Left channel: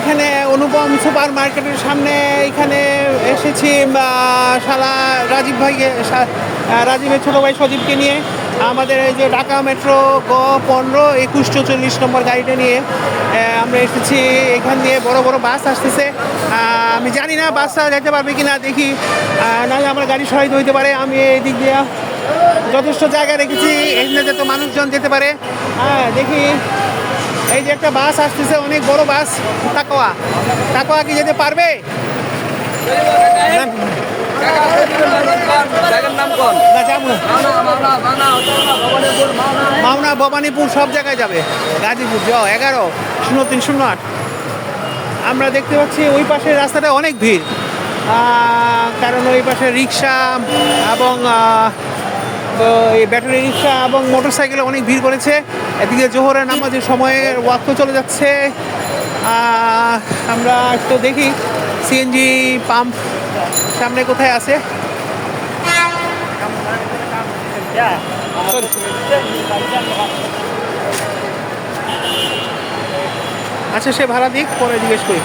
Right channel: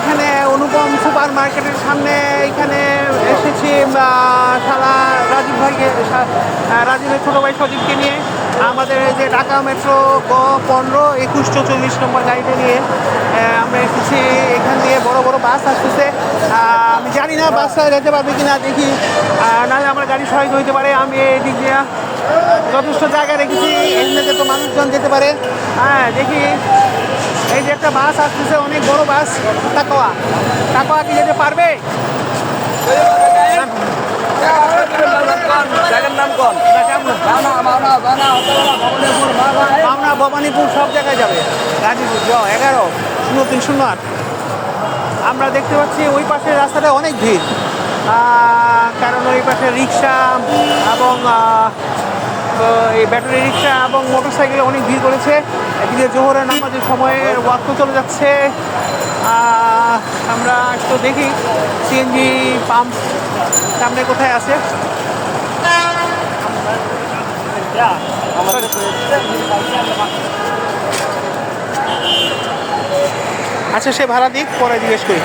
এখানে অনুপম সুপার মার্কেটের সামনে এখানে এসেছি শালা রাজীব ভাইকে, রাজীবের ছোটো ভাই সজীবকে নিয়ে। আমাদের এই যে ঢাকা মেট্রো গ 15-21-44 নম্বর গাড়িটা নিয়ে আমরা এসেছি। এখান দিয়ে বড় বড় বাস আসতেছে। আমি জানি না বাসটা যেতে পারবে কি না, দেখি। নাহলে আমার গাড়ি সহায়তা হইতে পারে। আমি এই দিক দিয়ে যথেষ্ট জায়গা রেখেছি, এখানে যাতে মানুষজন যেতে পারে। দেখি এই যে একটা বাস আসতেছে, অনেক বড় বাস। টাকা কি যেতে পারবে? মাওনা, ভবানীপুর সব জায়গায় যাবে। গাজীপুর 11-03-08। আমরা দেখতে পাচ্ছি ওই পাশের রাস্তাটা অনেক ভিড়, কারণ ওই পাশে রিক্সা এবং এই ব্যাটারি রিক্সা এবং মোটরসাইকেলে অনেক ভিড় করেছে। এদিকে জোহরের নামাজের সময়ের ওয়াক্ত চলে যাচ্ছে। আমরা তো দেখি সিএনজি পাম্প সামনে কোথায় আছে। আচ্ছা, সে ভাড়া দিক, পরে জিজ্ঞেস করি।